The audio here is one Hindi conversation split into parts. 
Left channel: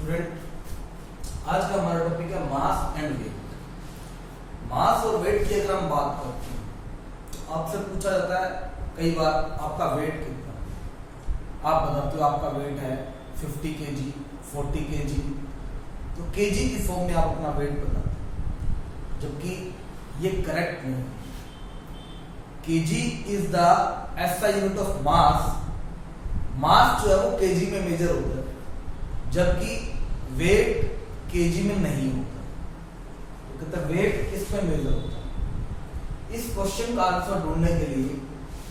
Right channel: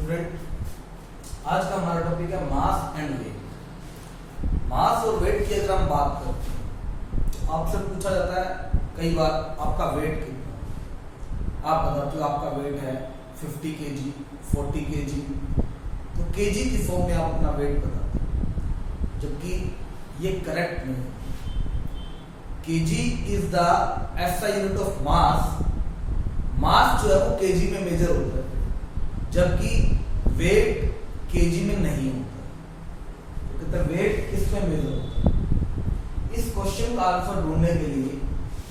स्टूडेंट, आज का हमारा टॉपिक है मास एंड वेट। मास और वेट की अगर हम बात करते हैं तो आपसे पूछा जाता है कई बार आपका वेट कितना है। आप बताते हो आपका वेट है 50 kg, 40 kg, तो केजी की फॉर्म में आप अपना वेट बताते हैं, जबकि ये करेक्ट नहीं है। KG is the SI unit of mass. Mass जो है वो केजी में मेजर होता है, जबकि वेट केजी में नहीं होता। तो कहते हैं वेट किस में मेजर होता है। इस क्वेश्चन का आंसर ढूंढने के लिए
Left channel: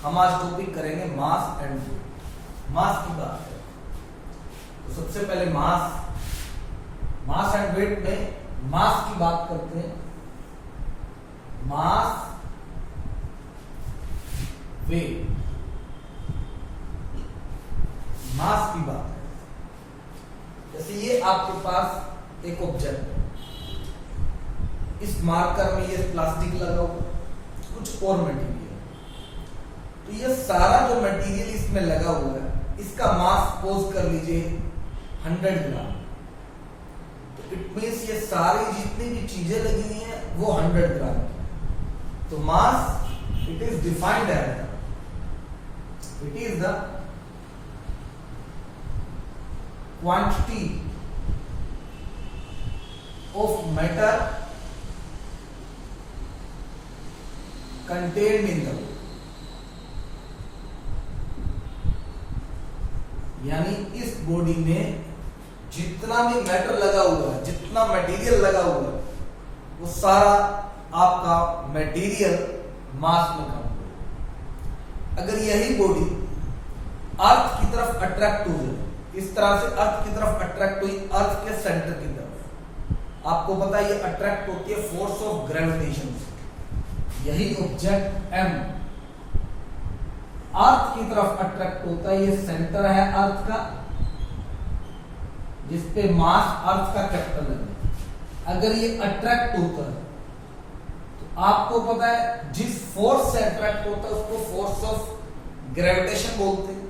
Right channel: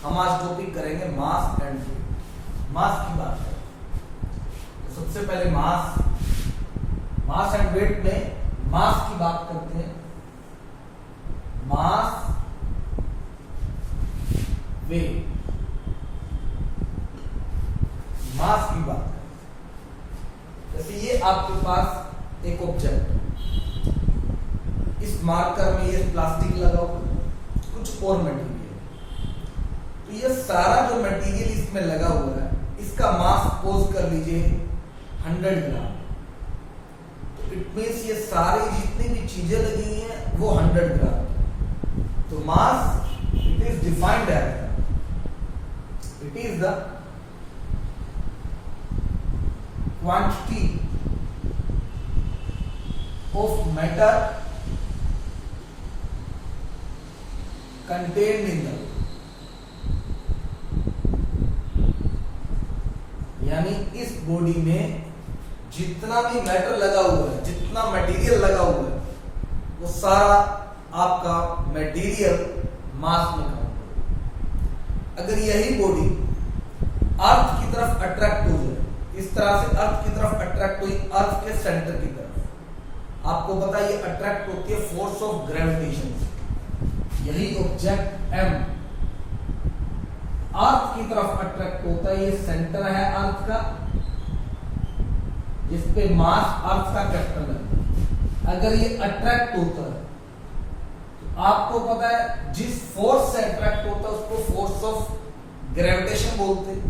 हम आज टॉपिक करेंगे मास एंड वेट। मास की बात करें तो सबसे पहले मास एंड वेट में मास की बात करते हैं। मास वेट, मास की बात करें, जैसे ये आपके पास एक ऑब्जेक्ट है, इस मार्कर में ये प्लास्टिक लगा हुआ, कुछ और मटेरियल, तो ये सारा जो मटेरियल इसमें लगा हुआ है इसका मास सपोज कर लीजिए 100 ग्राम। तो इट मीन्स ये सारी जितनी भी चीजें लगी हैं वो 100 ग्राम। तो mass it is defined as, it is the quantity of matter contained in the, यानी इस बॉडी में जितना भी मैटर लगा हुआ है, जितना मटेरियल लगा हुआ है, वो सारा आपका मटेरियल मास में काउंट होगा। अगर यही बॉडी अर्थ की तरफ अट्रैक्ट हो जाए, इस तरह से अर्थ की तरफ अट्रैक्ट हुई, अर्थ के सेंटर की तरफ, आपको पता है ये अट्रैक्ट होती है फोर्स ऑफ ग्रेविटेशन से। यही ऑब्जेक्ट एम अर्थ की तरफ अट्रैक्ट होता है, ये सेंटर है अर्थ का, जिसपे मास अर्थ का कैपिटल है। अगर ये अट्रैक्ट होता है तो आपको पता है जिस फोर्स से अट्रैक्ट होता है उसको फोर्स ऑफ ग्रेविटेशन बोलते हैं।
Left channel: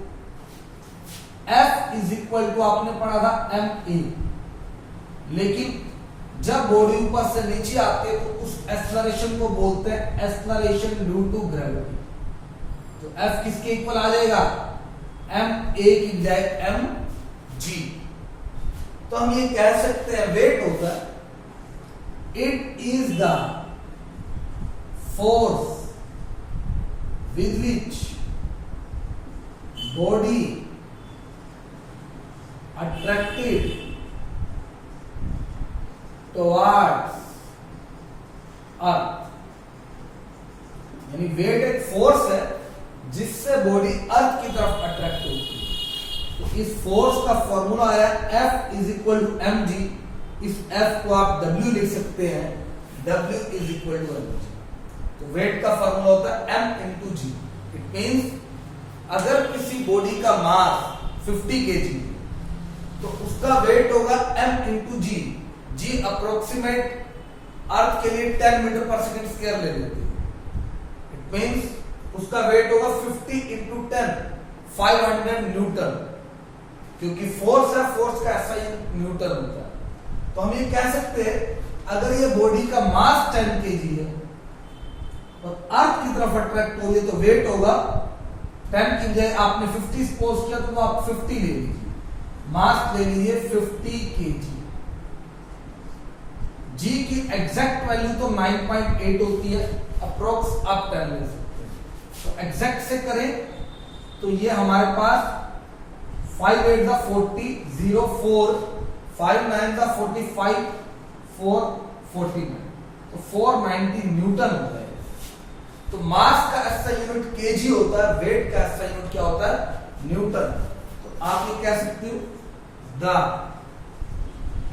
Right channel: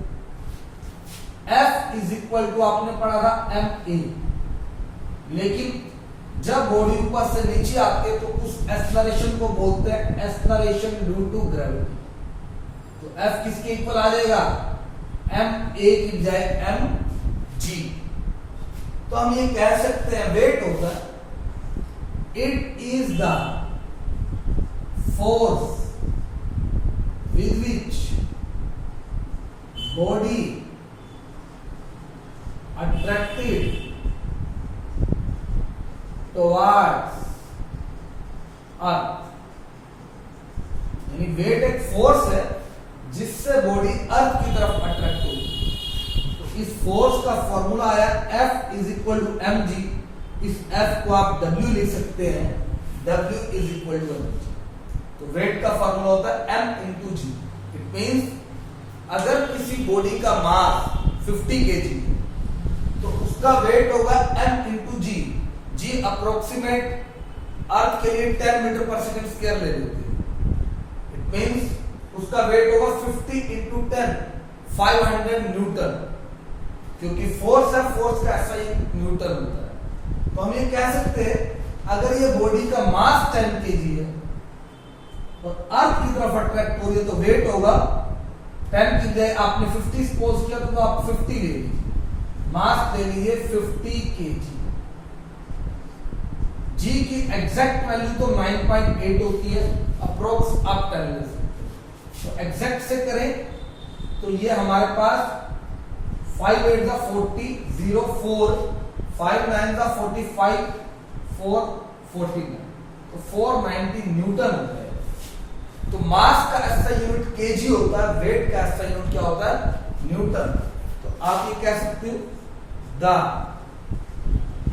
F इज इक्वल टू आपने पढ़ा था ma, लेकिन जब बॉडी ऊपर से नीचे आती है तो उस एक्सेलरेशन को बोलते हैं एक्सेलरेशन ड्यू टू ग्रेविटी। तो F किसके इक्वल आ जाएगा, ma की बजाय mg। तो हम ये कह सकते हैं वेट होता है it is the force with which body attracted towards अर्थ। यानी वेट एक फोर्स है जिससे बॉडी अर्थ की तरफ अट्रैक्ट होती है। तो इस फोर्स का फॉर्मूला आया F is equal to mg। इस F को आप W लिख सकते हैं, W is equal to mg। तो वेट का फॉर्मूला होता है m into g। It means अगर किसी बॉडी का मास 50 kg तो उसका वेट होगा m इंटू जी। जी अप्रोक्सीमेट अर्थ के लिए 10 मीटर पर सेकेंड स्क्वायर ले लेते हैं। इट मींस उसका वेट होगा 50 इंटू 10, 500 न्यूटन, क्योंकि फोर्स है, फोर्स का ऐसा ही न्यूटन होता है। तो हम ये कह सकते हैं अगर ये बॉडी का मास 10 kg है और अर्थ की तरफ अट्रैक्ट हो रही है तो वेट होगा 10 की बजाय आपने 50 सपोज किया तो आप 50 ले लीजिए, मास ले लीजिए 50 kg। जी की एग्जैक्ट वैल्यू तो 9.8 होती है, अप्रोक्स आप 10 ले सकते हैं। तो एग्जैक्ट से करें तो ये हमारे पास 5 8 दा 40, 0 4, 5 9 दा 45, 4 49, तो 490 न्यूटन होता है। तो मास का ऐसा यूनिट केजी होता है, वेट का ऐसा यूनिट क्या होता है, न्यूटन। तो आप ये कह सकते हो the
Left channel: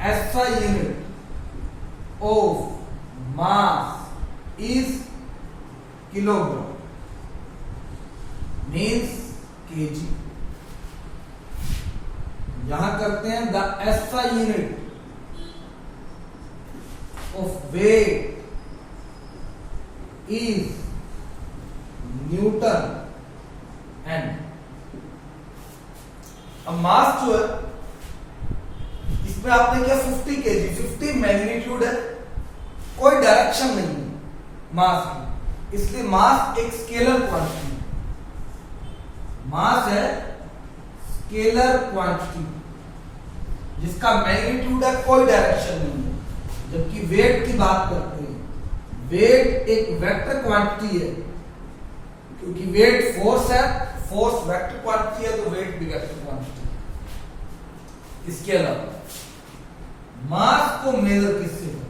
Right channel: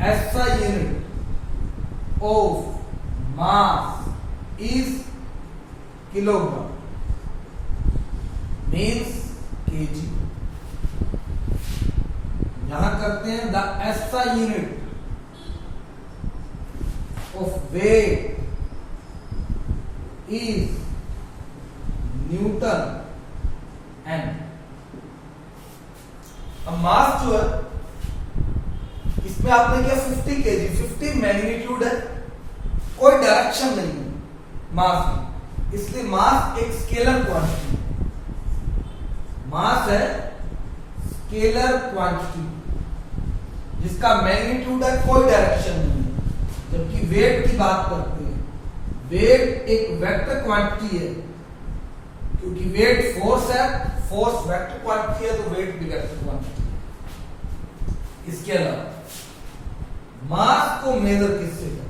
SI unit of mass is kilogram, means kg। यहां करते हैं the SI unit of weight is Newton n। अब मास जो है इसमें आपने किया 50 केजी, 50 मैग्नीट्यूड है, कोई डायरेक्शन नहीं है मास की, इसलिए मास एक स्केलर क्वांटिटी है। मास है स्केलर क्वांटिटी जिसका मैग्नीट्यूड है, कोई डायरेक्शन नहीं है। जबकि वेट की बात करते हैं, वेट एक वेक्टर क्वांटिटी है, क्योंकि वेट फोर्स है, फोर्स वेक्टर क्वांटिटी है, तो वेट भी वेक्टर क्वांटिटी है। इसके अलावा मास को मेजर किससे करते हैं?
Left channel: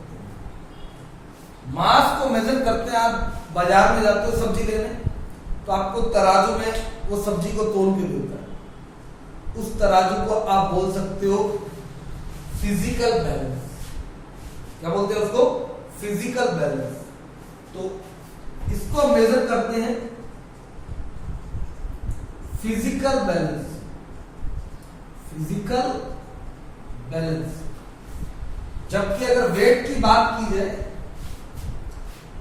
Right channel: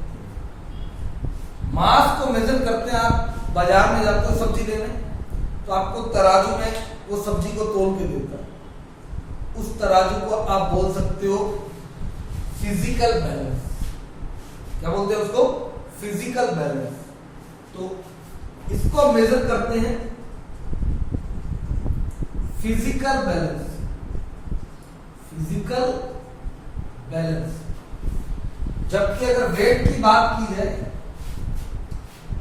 मास को मेजर करते हैं, आप बाजार में जाते हो सब्जी लेने, तो आपको तराजू में वो सब्जी को तोल के देता है, उस तराजू को आप बोल सकते हो फिजिकल बैलेंस। क्या बोलते हैं उसको? Physical balance. तो इसको मेजर करते हैं फिजिकल बैलेंस, फिजिकल बैलेंस। जबकि अगर वेट की बात की जाए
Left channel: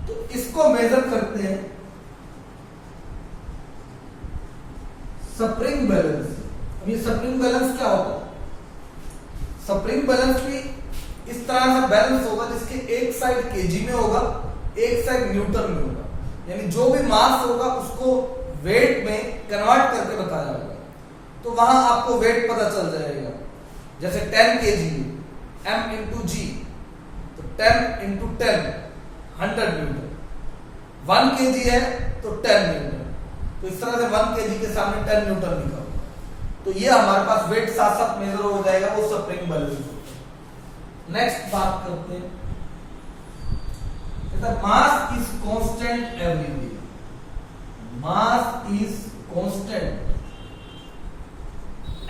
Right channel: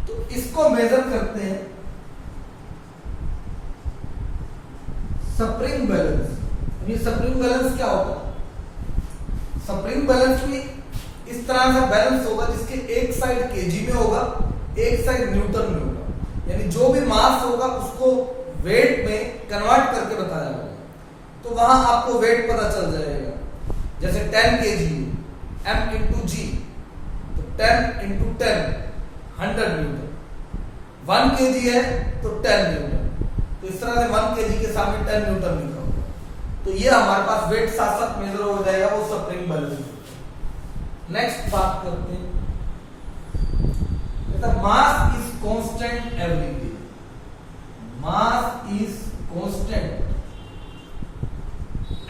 तो इसको मेजर करते हैं स्प्रिंग बैलेंस। अब ये स्प्रिंग बैलेंस क्या होता है? स्प्रिंग बैलेंस भी इस तरह का बैलेंस होगा जिसके एक साइड केजी में होगा, एक साइड न्यूटन में होगा, यानी जो भी मास होगा उसको वेट में कन्वर्ट करके बताया होगा, तो वहां आपको वेट पता चल जाएगा। जैसे 10 केजी m इंटू जी, तो 10 इंटू 10 100 न्यूटन, 1 केजी है तो 10 न्यूटन, तो इस तरह से 1 केजी के सामने 10 न्यूटन लिखा होगा, तो ये हमारे पास वेट साथ साथ मेजर हो जाएगा, वो स्प्रिंग बैलेंस। नेक्स्ट बात करते हैं, mass is constant everywhere. Mass is constant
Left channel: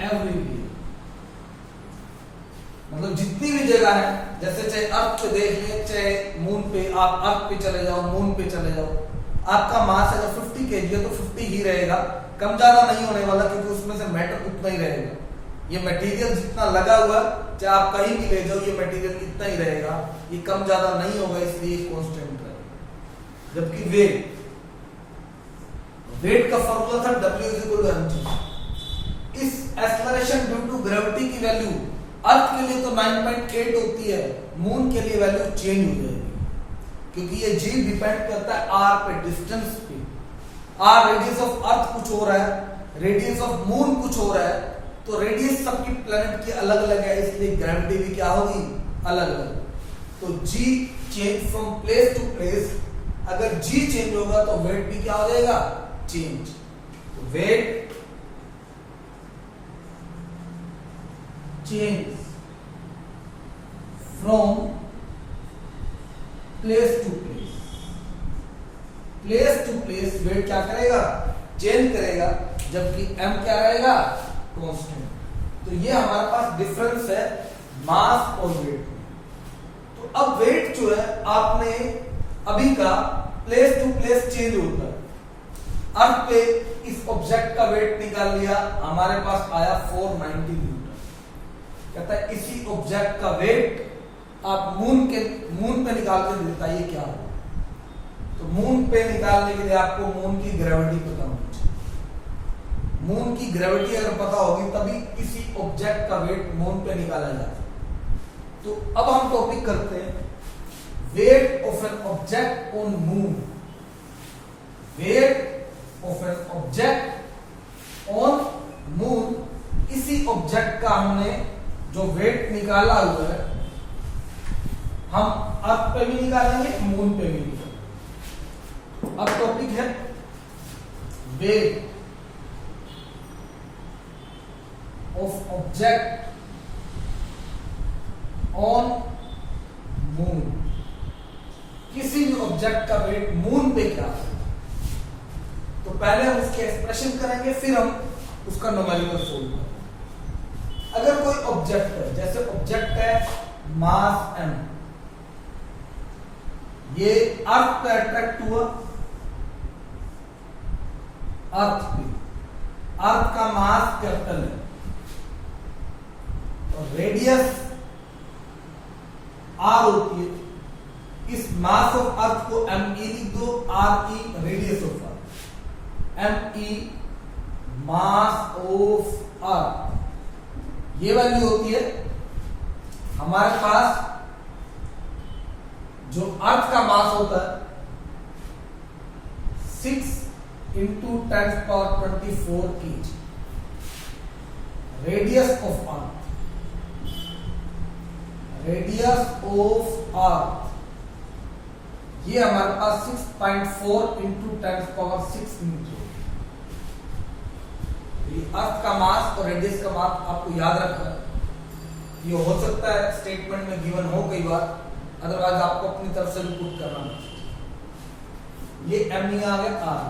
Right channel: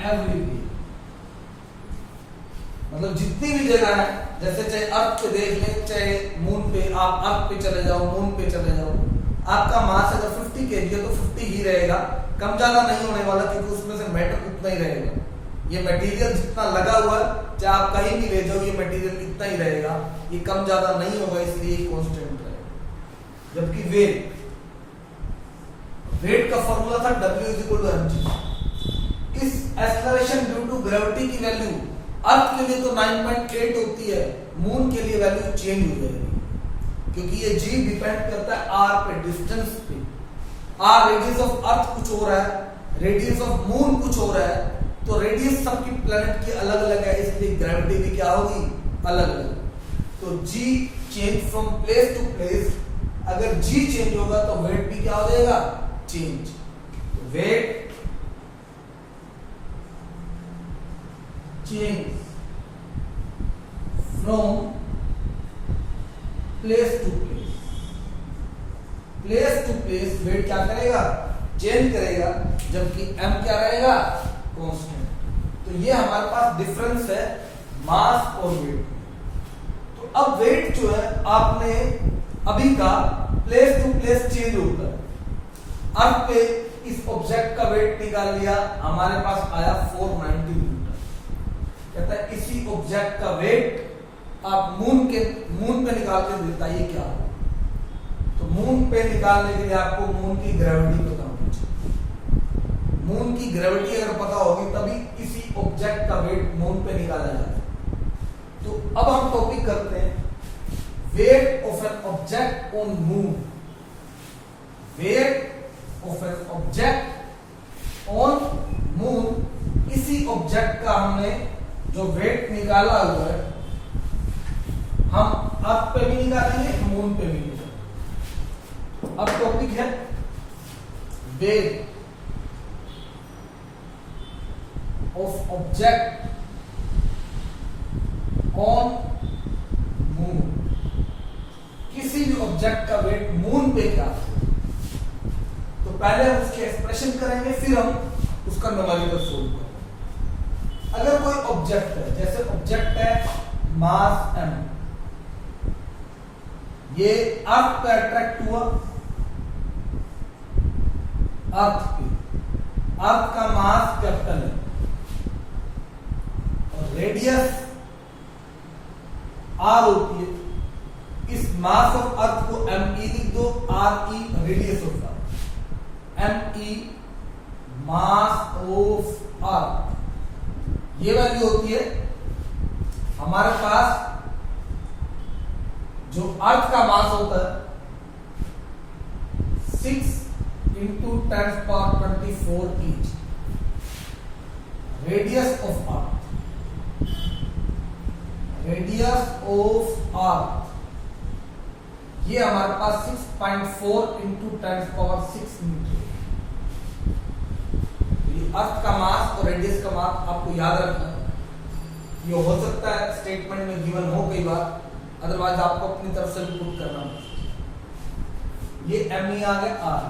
everywhere, मतलब जितनी भी जगह है, जैसे चाहे अर्थ पे देख लें, चाहे मून पे, आप अर्थ पे चले जाओ, मून पे चले जाओ, आपका मास अगर 50 केजी है तो 50 ही रहेगा, कम ज्यादा नहीं होने वाला, क्योंकि उसमें से मैटर उतना ही रहेगा। ये मटेरियल जितना लगा हुआ है, चाहे आप कहीं भी ले जाओ, ये मटेरियल इतना ही रहेगा, ये कम ज्यादा नहीं होगा, इसलिए कांस्टेंट रहेगा। जबकि वेट, वेट का फॉर्मूला था W = mg। इस एक्सेलरेशन ड्यू टू ग्रेविटी की वैल्यू अर्थ के लिए तो 9.8 होती है, मून के लिए वैल्यू चेंज हो जाएगी, क्योंकि ये G डिपेंड करता है R पे, डिस्टेंस पे। R रेडियस ऑफ अर्थ कुछ हो रहा है, रेडियस ऑफ मून कुछ हो रहा है, तो रेडियस सबकी प्लैनेट की अलग अलग है, इसलिए ग्रेविटी भी क्या होगी? अलग अलग। तो G change from place to place, अगर G चेंज होगा तो वेट भी क्या हो जाएगा? चेंज। तो weight change from place to place, place to place weight क्या करेगा? चेंज करेगा, जबकि m क्या रहेगा? कांस्टेंट। तो ये हमारे पास डिफरेंस है मास और वेट में। तो अब वेट जो है, आपने अभी का प्लेस टू प्लेस चेंज होता है। अर्थ पे इस ऑब्जेक्ट का वेट निकाल लिया, हमारे पास आया 490 न्यूटन। कहता है इसी ऑब्जेक्ट का वेट आप मून पे निकाल के बताइए क्या होगा। तो मून पे निकालने के लिए आपको मून की ग्रेविटी पता होनी चाहिए। मून की ग्रेविटी अगर पता होगी तभी इसी ऑब्जेक्ट का वेट मून पे निकाला जाए। तो अब हम टॉपिक करते हैं wait of an object on moon. Wait of an object on moon, इसी ऑब्जेक्ट का हमने जो वेट निकाला हुआ है, हम अर्थ पे भी निकालेंगे, मून पे भी निकालेंगे। अब टॉपिक है weight of object on moon. किसी भी ऑब्जेक्ट का वेट मून पे क्या है, तो पहले हम उसके एक्सप्रेशन करेंगे, फिर हम उसका न्यूमेरिकल सोल्व करेंगे। अगर कोई ऑब्जेक्ट है, जैसे ऑब्जेक्ट है मास m, ये अर्थ पे अट्रैक्ट हुआ, अर्थ पे, अर्थ का मास कैपिटल है और रेडियस r होती है। इस मास ऑफ अर्थ को me लिख दो, re radius of earth, me mass of earth, ये वैल्यू होती है हमारे पास जो अर्थ का मास होता है 6 into 10⁻24 kg, radius of earth, ये हमारे पास 6.4 into 10⁻6 मीटर। अर्थ का मास और रेडियस का मास आपको याद रखना है। ये हो सकता है स्टेटमेंट में गिवन हो कई बार, अदरवाइज आपको अपनी तरफ से भी पुट करना है। ये एम आ गया आर।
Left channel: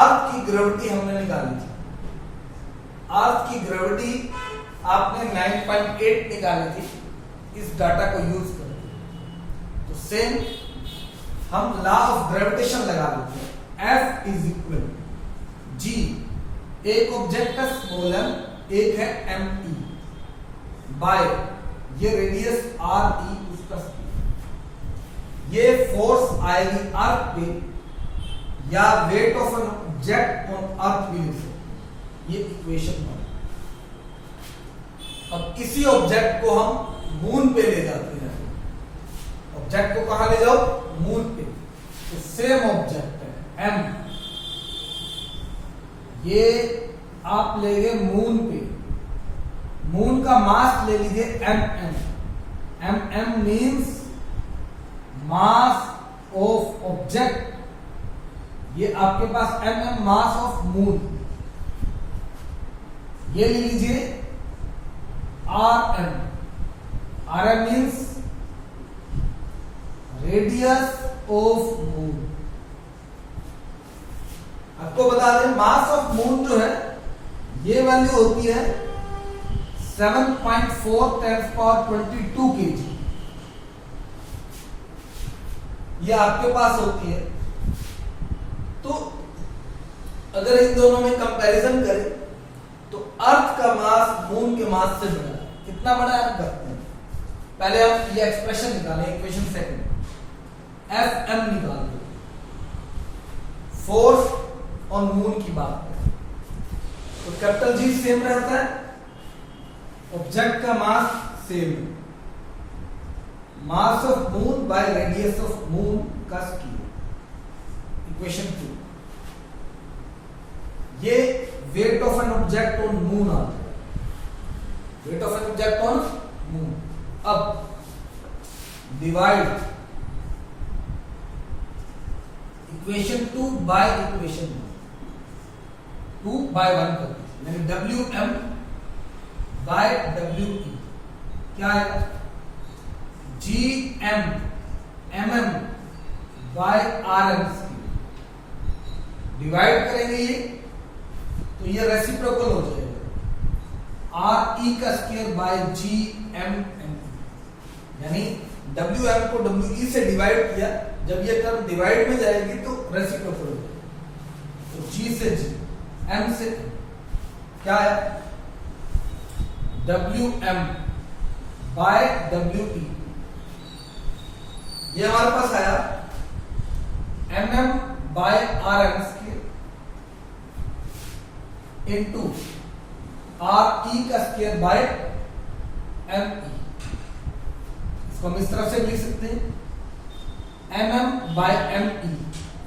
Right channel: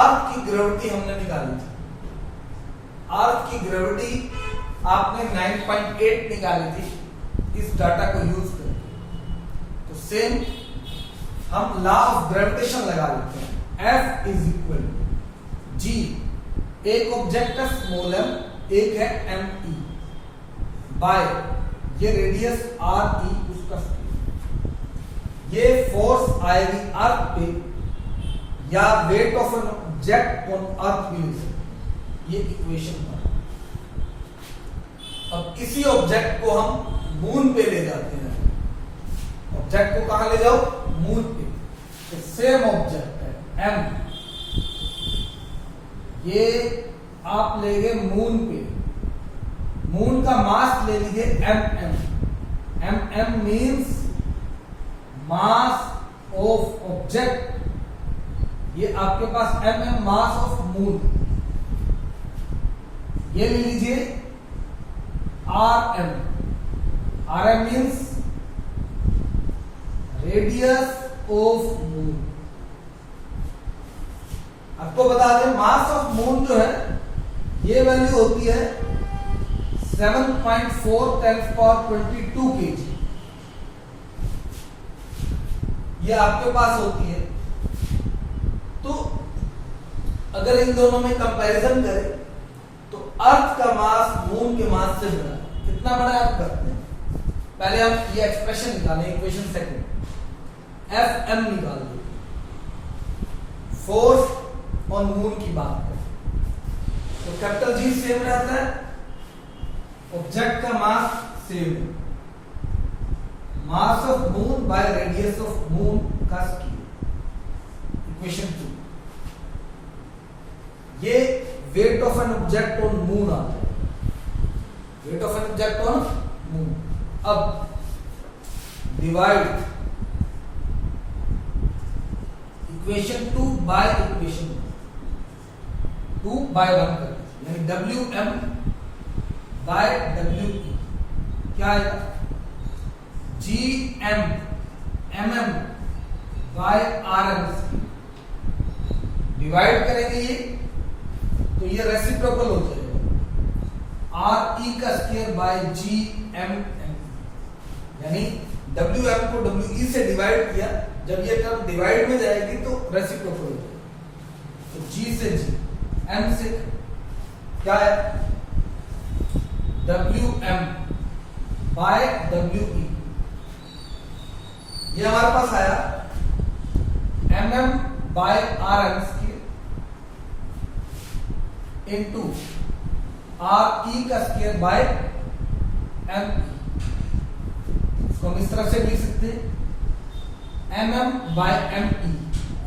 अर्थ की ग्रेविटी हमने निकाली थी। अर्थ की ग्रेविटी आपने 9.8 निकाली थी इस डाटा को यूज करके। तो सेम हम लॉ ऑफ ग्रेविटेशन लगा लेते हैं। F इज इक्वल G, एक ऑब्जेक्ट है स्मॉल m, एक है m e, बाय ये रेडियस r e उसका स्पीड। ये फोर्स आएगी अर्थ पे या wait of an object on earth भी ले सकते। ये इक्वेशन है। अब इसी ऑब्जेक्ट को हम मून पे ले जाते हैं। ऑब्जेक्ट को कहां ले जाओ? मून पे। तो सेम ऑब्जेक्ट है m, ये आप ले गए मून पे। मून का मास ले लीजिए mm means mass of object. ये आपके पास mm मास ऑफ मून। ये ले लीजिए rm means radius of moon. आपको बता दें मास ऑफ मून जो है ये वैल्यू होती है 7.4 10⁻22 kg। ये आपके पास होती है। तो अगर इन दोनों में कंपैरिजन करें तो अर्थ का मास मून के मास से बड़ा है। कितना बड़ा है आप करते हैं? पहले आप ये एक्सप्रेशन निकालें, इक्वेशन सेकंड Fm निकाल दो। फोर्स ऑन मून की बात करें तो कैपिटल G सेम रहता है, ऑब्जेक्ट का मास सेम है। Mass of moon by radius of moon का स्क्वायर। इक्वेशन 2, ये weight of an object on moon आता है। Weight of an object on moon. अब divide equation 2 by equation 2 by 1 कर दीजिए, यानी Wm बाय We क्या आएगा? Gm mm by Rm। Divide करेंगे ये तो ये रेसिप्रोकल हो जाएगा। Re का स्क्वायर बाय Gmm, यानी Wm को We से डिवाइड किया। जब ये टर्म डिवाइड में जाएगी तो रेसिप्रोकल हो जाएगी। तो G से G, M से क्या है? Wm by We। ये हमारे पास आया mm by Rm square into Re का स्क्वायर बाय Me। इसको हम इस तरफ से लिख सकते हैं mm बाय Me,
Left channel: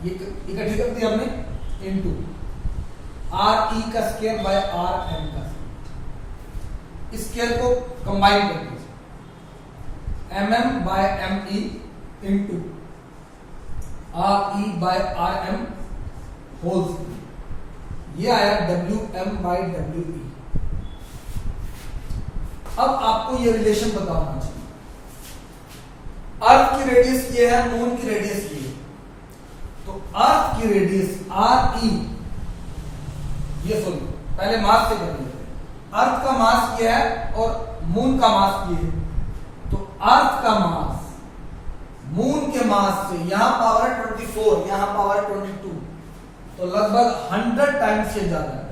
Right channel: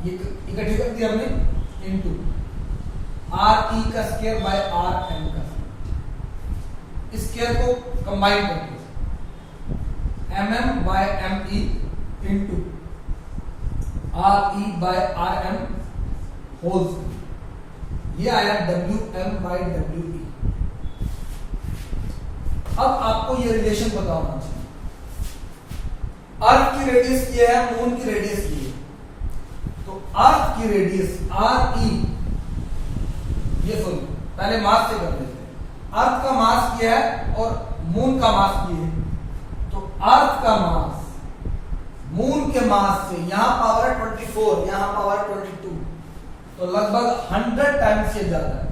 ये इकट्ठे कर दिया हमने, इनटू Re का स्क्वायर बाय Rm का। इस स्क्वायर को कंबाइन करके mm by Me into Re by Rm whole square. ये आया Wm बाय We। अब आपको ये रिलेशन बताना चाहिए। अर्थ की रेडियस ये है, मून की रेडियस ये है। तो अर्थ की रेडियस Re, ये सुनो पहले मास से कर लेते हैं। अर्थ का मास ये है और मून का मास ये है। तो अर्थ का मास मून के मास से, यहां पावर है 24, यहां पावर है 22, तो लगभग 100 टाइम्स से ज्यादा है।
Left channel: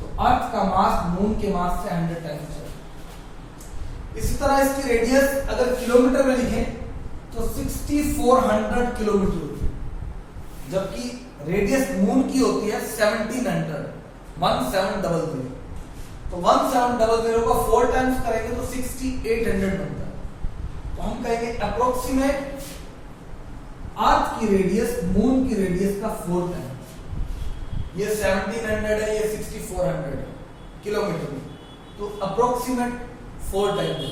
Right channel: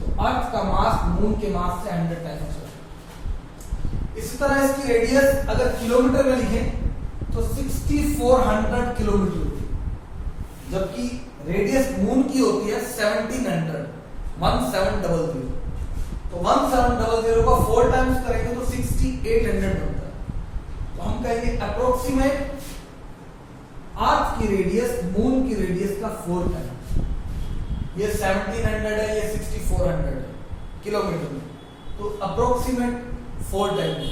तो अर्थ का मास मून के मास से 100 टाइम्स ज्यादा। इसी तरह इसकी रेडियस अगर किलोमीटर में लिखें तो 6400 किलोमीटर होती है, जबकि रेडियस मून की होती है 1700। तो 1700 को 4 टाइम्स करेंगे तो 6800 बनता है। तो हम कहेंगे अप्रोक्सीमेट अर्थ की रेडियस मून की रेडियस का 4 टाइम्स। ये 1700 है, ये 6400 है किलोमीटर में, तो अप्रोक्सीमेट 4 टाइम्स।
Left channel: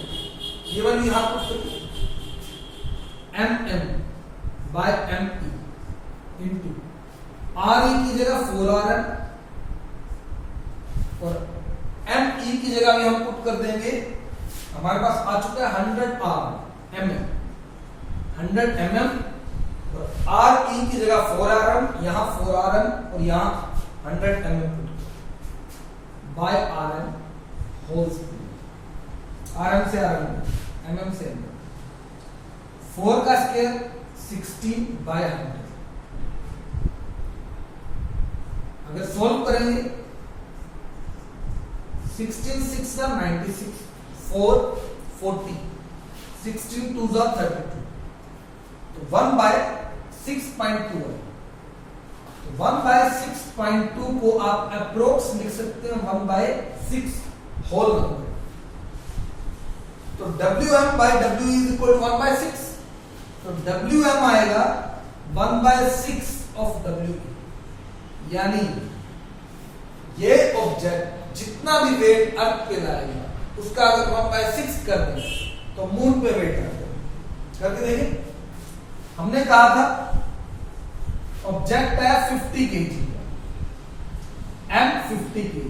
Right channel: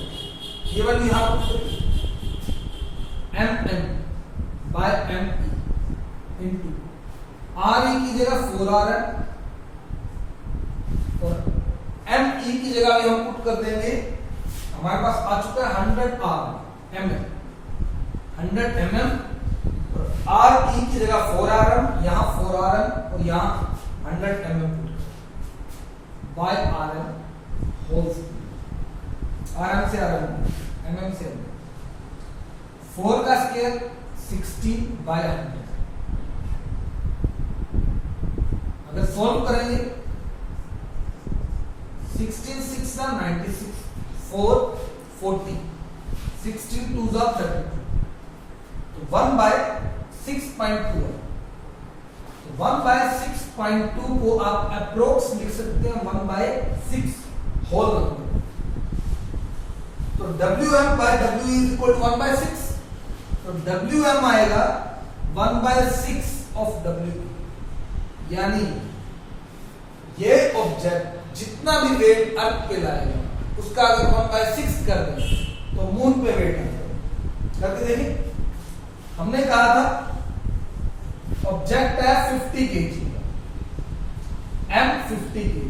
ये वाली यहां पर mm by me into re की जगह 4rn और me की जगह भी हम पुट कर देंगे, हमारे पास आ चुका है 100 mm और re की जगह 4rn, यहां 4rn और यहां 100 mm put by rn whole square. rn से rn, mm से mm, 4 का स्क्वायर 16 बाय 100। अगर सॉल्व करेंगे 16 6 96, 4 40, 16 2 32, तो 1 बाय 6.2 है। तो 1 बाय 6.2 को आप अप्रोक्स लिख सकते हैं 1 बाय 6 होल नंबर। तो Wm by W is equal to 1 by 6, तो Wm आएगा 1 बाय 6 ऑफ W, यानी ये ऑब्जेक्ट जितना भी वेट अर्थ पे लाएगा उसका अगर 1 बाय 6 कर दें तो मून पे वेट आ जाएगा। करके देखिए, हमने कहा था ऑब्जेक्ट है 50 kg, m 50 kg।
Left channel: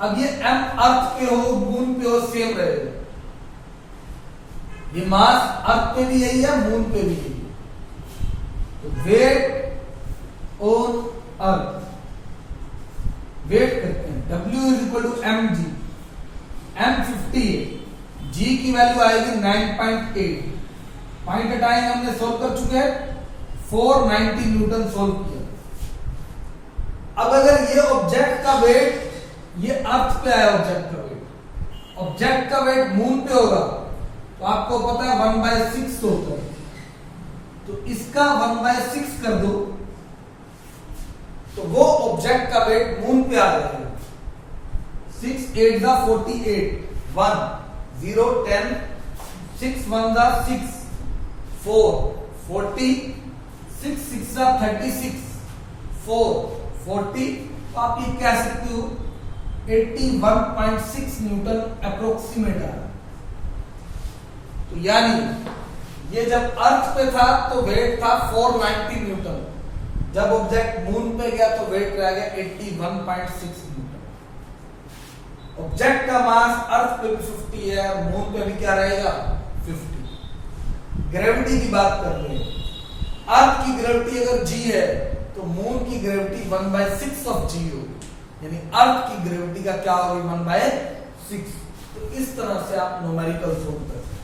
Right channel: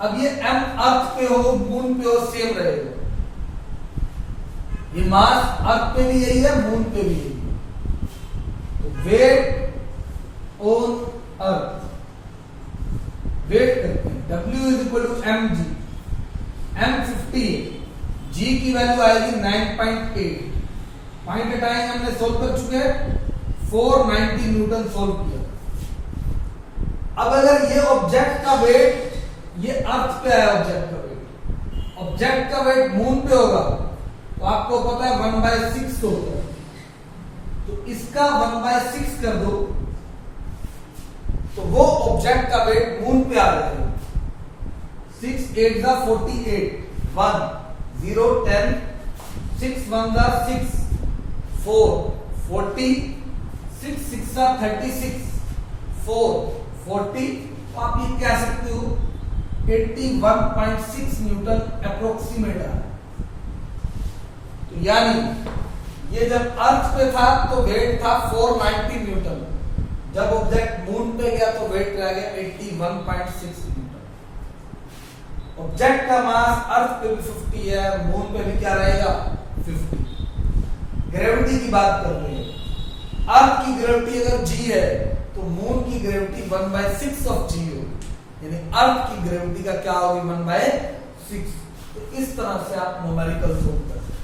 अब ये m अर्थ पे हो मून पे हो सेम रहेगा, ये मास अर्थ पे भी यही है मून पे भी यही है। तो वेट ऑन अर्थ, वेट करते हैं W is equal to mg, m 50 है, g की वैल्यू आएगी 9.8, पॉइंट हटाएंगे, हमने सोल्व कर चुके हैं 490 न्यूटन सोल्व किया। अब अगर ये ऑब्जेक्ट का वेट, ये अर्थ पे आया ऑब्जेक्ट का वेट, ऑब्जेक्ट का वेट मून पे होगा तो आपको पता है 1 बाय 6 होता है, तो इसका 1 बाय 6 कर दो तो वो ऑब्जेक्ट का वेट मून पे आ जाएगा। 6 8 जा 48, 1 0 10, 6 1 जा 6, 4 40, 6 6 जा 36, 4 40, तो आप ये कह सकते हो 81.6 न्यूटन अप्रोक्सीमेट आ रहा है। तो यानी ये जब अर्थ पे था तो वेट था 490 न्यूटन, जब ऑब्जेक्ट मून पे गया तो वेट रह गया 81.6 न्यूटन। ऑब्जेक्ट का मास अर्थ पे भी 50 है, मून पे भी क्या रहेगा 50। ग्रेविटी की बात कर रहे हैं, अर्थ की ग्रेविटी अगर g है तो मून की ग्रेविटी 1 बाय 6 ऑफ g होगी, यानी अर्थ की ग्रेविटी का क्या होगी 1 बाय 6। तो इस तरह से आप न्यूमेरिकल सोल्व कर सकते हैं।